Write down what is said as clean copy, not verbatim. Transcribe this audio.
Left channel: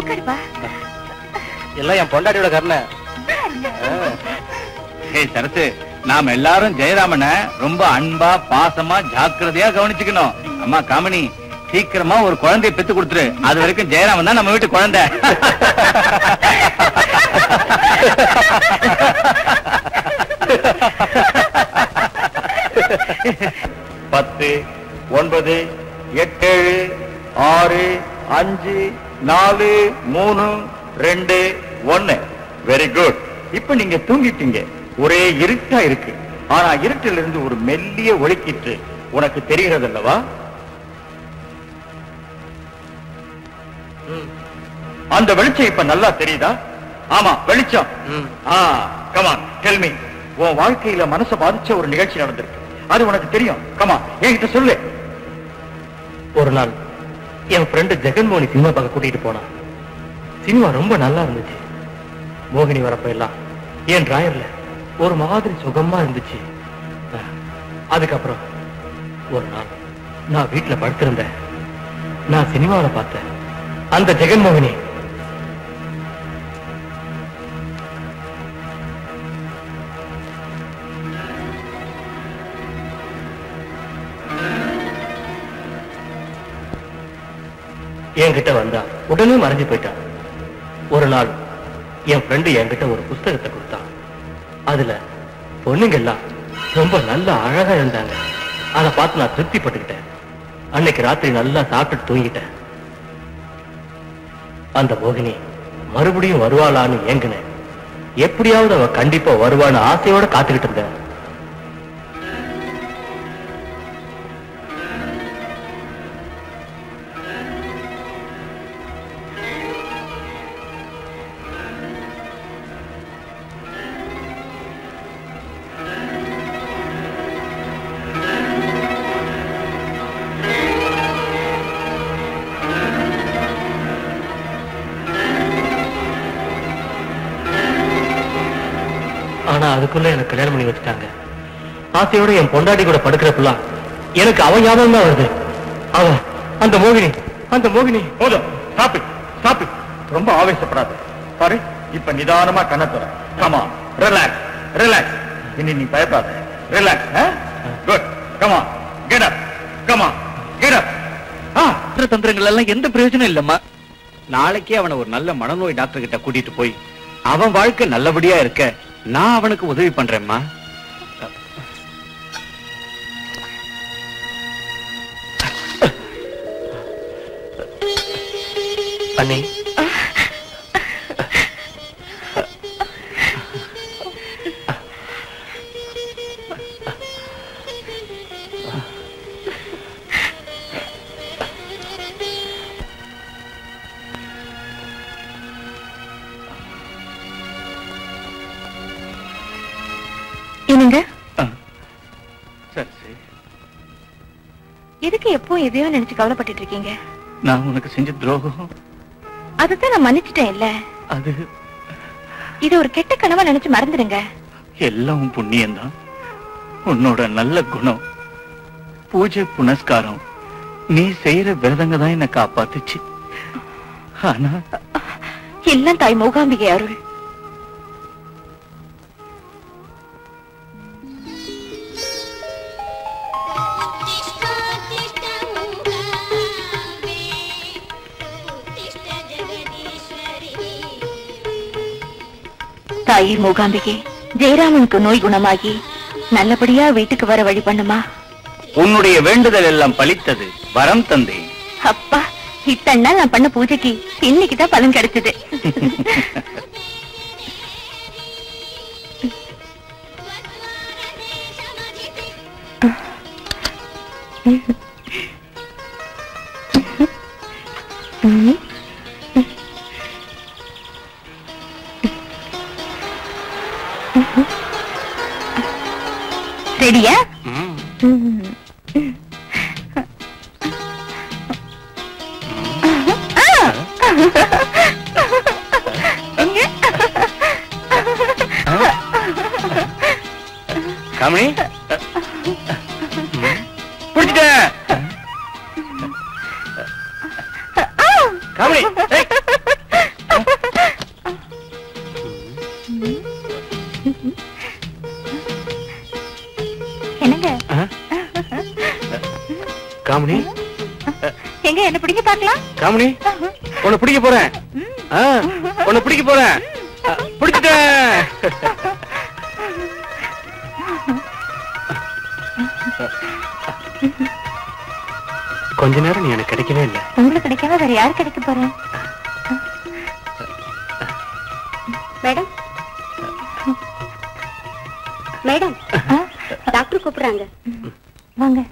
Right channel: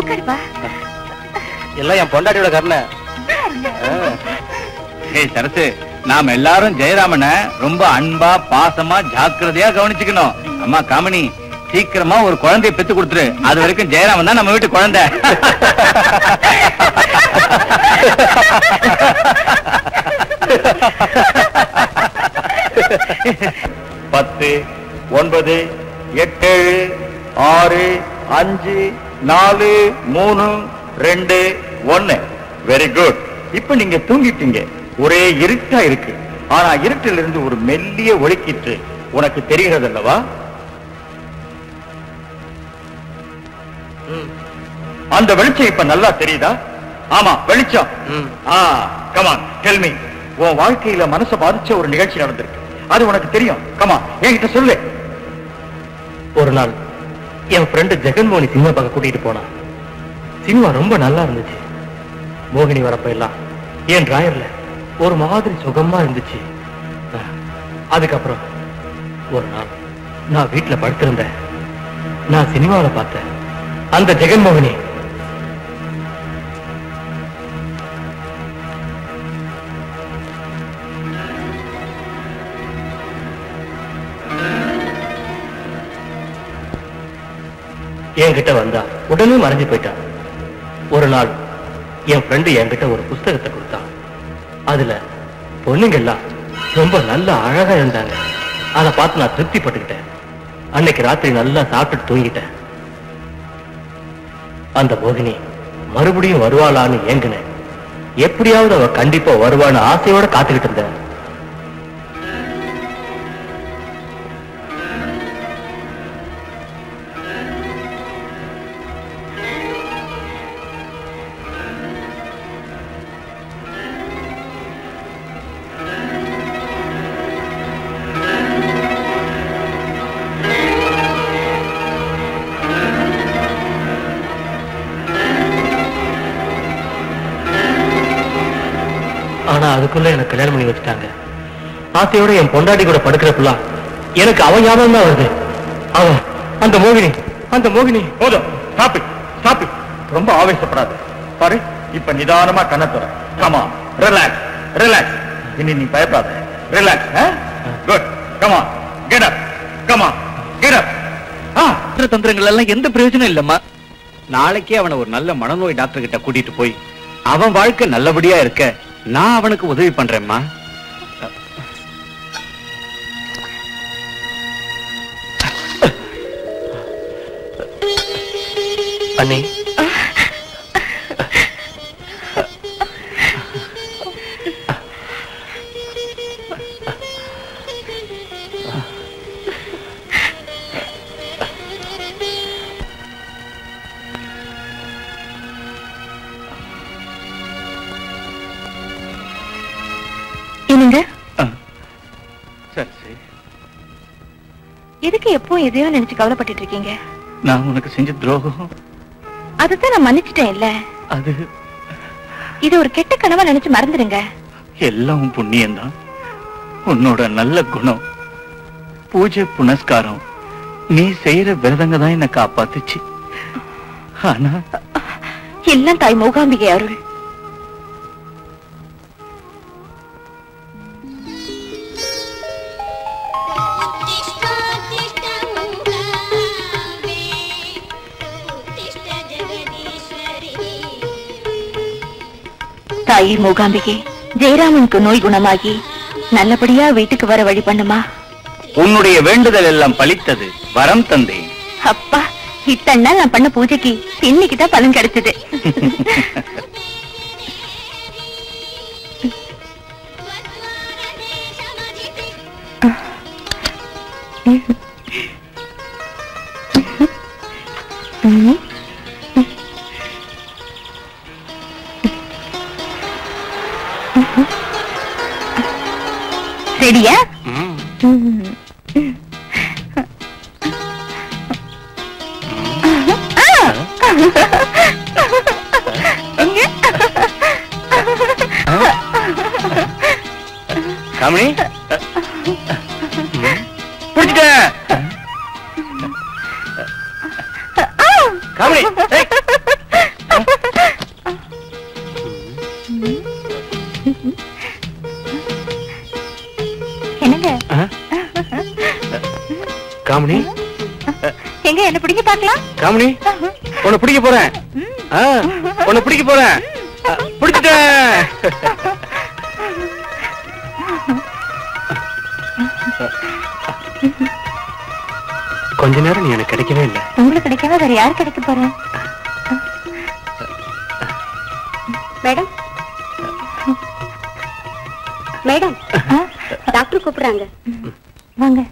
உட்காருப்பா. எல்லாம் என் பொண்டாட்டியோட கருணை. சரசு, நாம எல்லாரும் ஜெயராமனை ரொம்ப அன்பா பாசமா ஜாக்கிரதையா கவனிச்சுக்கணும். அம்மா காமினி, சீக்கிரமா ஒரு குழந்தைய பெத்து கொடுத்துரு. அது வரைக்கும் ஜெயராமன் தான் நம்ம வீட்டு குழந்தை. 10, 9, 8, 6, 5, 4, 3, 2, 1. Very good. இப்ப நீங்க தூங்கிட்டீங்க. ஒரே இருட்டா இருக்கு. ஆனா இருட்டில் இருந்து ஒரு மெல்லிய ஒளிக்கிட்டு உனக்கு தெரிகிறது அல்லவா? அந்த வெளிச்சம் இப்ப நல்லா தெரியுதா? ஆமா, வெளிச்சம். Come on, tell me. உன் வாழ்க்கையில மனசை பாதிச்ச ஒரு நிகழ்ச்சி நடந்திருக்கு. அது உனக்கு தெரியும். கமான், என்கிட்ட சொல்லு. ஒரு நாள் என் ஃப்ரெண்டு ஜெகன்மோகனி சினிமா பார்க்க கூட்டிட்டு போனான். சினிமா ரொம்ப நல்லா இருந்துச்சு. மோகினி வரப்ப எல்லாம் என் டிராயர்ல ஒரு மாதிரி சுகமா இருந்துச்சு. அதுக்கப்புறம் ஒரு நாள் நான் வீட்டுல படுத்திருந்தேன். நான் சினிமாவில் பார்த்தேன் அந்த ஜெகன்மோகினி என்கிட்ட வந்தா உடனே மறைஞ்சு போயிட்டான். ஒரு நாள் என் ஃப்ரெண்டு என்கிட்ட ஒரு புஸ்தகத்தை கொடுத்தான். அதுல பொண்ணுங்க எல்லாம் ரொம்ப நல்ல அழகா இருந்தாங்க. அதை பார்த்து நான் திருப்திப்பட்டுக்கிட்டேன். அன்னைக்கு ராத்திரி நல்லா சாப்பிட்டு தூங்கிட்டேன். அந்த மோகினி மறுபடியும் வருவாளான்னு ஏங்கினேன். எப்படியாவது அவ கண்டிப்பா வருவான்னு ஆசையோட காத்துக்கிட்டு இருந்தேன். ஆனா அதுக்குள்ள எனக்கு கல்யாணம் பண்ணி வச்சுட்டாங்க. ஆசையோட என் பொண்டாட்டி கூட படுக்கிறப்ப எனக்கு அவன் ஞாபகம் தான் வருது. அவன் அந்த மோகினி, அந்த மோகினி. போதும், ஸ்டாப் இட், ஸ்டாப் இட். ரொம்ப ஆவேசப்படாத. பாரு, இப்ப நிதானமா கண்ணத்துற. Comma, relax, relax. இனி நீ பயப்படாத. Relax. Good. Comma, get up. Comma, get up. தந்திரங்கள் எல்லாம் எந்த பிரயோஜனம் இல்லம்மா. நாளைக்கே அவனை ஒரு நல்ல மனநோய் டாக்டர் கிட்ட கூட்டிட்டு போய் அவன் வாழ்க்கை நல்லபடியா இருக்க நான் அவனுக்கு உதவி பண்றேன்மா. அண்ணி, என்னங்க எதுக்கு எப்போ எதையோ நினைச்சு கவலைப்பட்டு இருக்கீங்க? நான் உனக்கு செஞ்ச துரோகம் அதான் நான் மன்னிச்சிட்டேன் இல்ல. அது இத ஒரு கெட்ட கனவா நினைச்சு மறந்துடுங்க. எல்லாம் புண்ணியம்தான். உன்னோட நல்ல குணம், பூஜை புனஸ்காரம், நீ செய்யற விரதங்க தான் என்ன காப்பாத்துச்சு. ஆனா எல்லாம் தாய் மூகாம்பிகை அருள். தாயி மூகாம்பிகை, ஜெயராமனுக்கு நோய் குணமாகி நல்லபடியா வீட்டுக்கு வர வழி பண்ணுமா. உன்னுடைய வேண்டுதல் எல்லாம் பலித்தது. வரம் தந்தேன். அப்பா, இத்தனை நாள் நான் பண்ண பூஜைக்கு இன்னைக்குதான் பலன் கிடைச்சது. ரெடியா? காமினி, காமினி, காமினி எங்க என்ன பிடிக்க பார்க்கலாம்? காமினி உன்னை பிடிக்க போறேன். உன்னை பிடிக்க போறேன். பிடிச்சிட்டேன். கொஞ்ச நேரம் நீ எனக்கு கிடைக்கவே இல்லை. உங்களுக்கு கிடைக்கவே வேற யாரு கிடைக்க போறேன்? மேடம் மேடம் டாக்டர் கூப்பிடுறாங்க. வாங்க.